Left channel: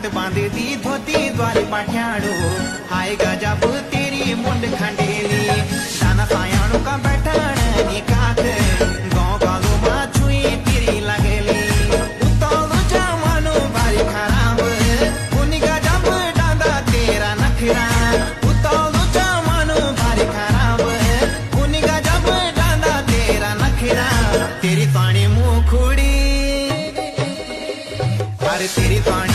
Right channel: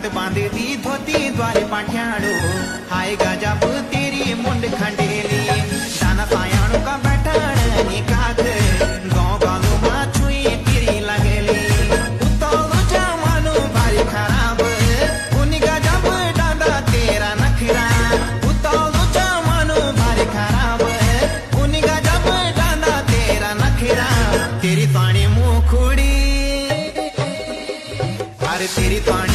हाथ बांधे दी धोती द्वारे पाठ्याड़ो हाय गजब तेरी मुंड खंडेली दाना सायाणु का बैठण नी काक गाँव गालो माँ छुई तेरी लगेली उतालो जमानो भारी खराब उनी गजब डांदा तेरा नखरा उतालो जमानो भारी खराब उनी गजब डांदा तेरा नखरा तेरी पानी मुँह खुड़ी अरे तेरी पानी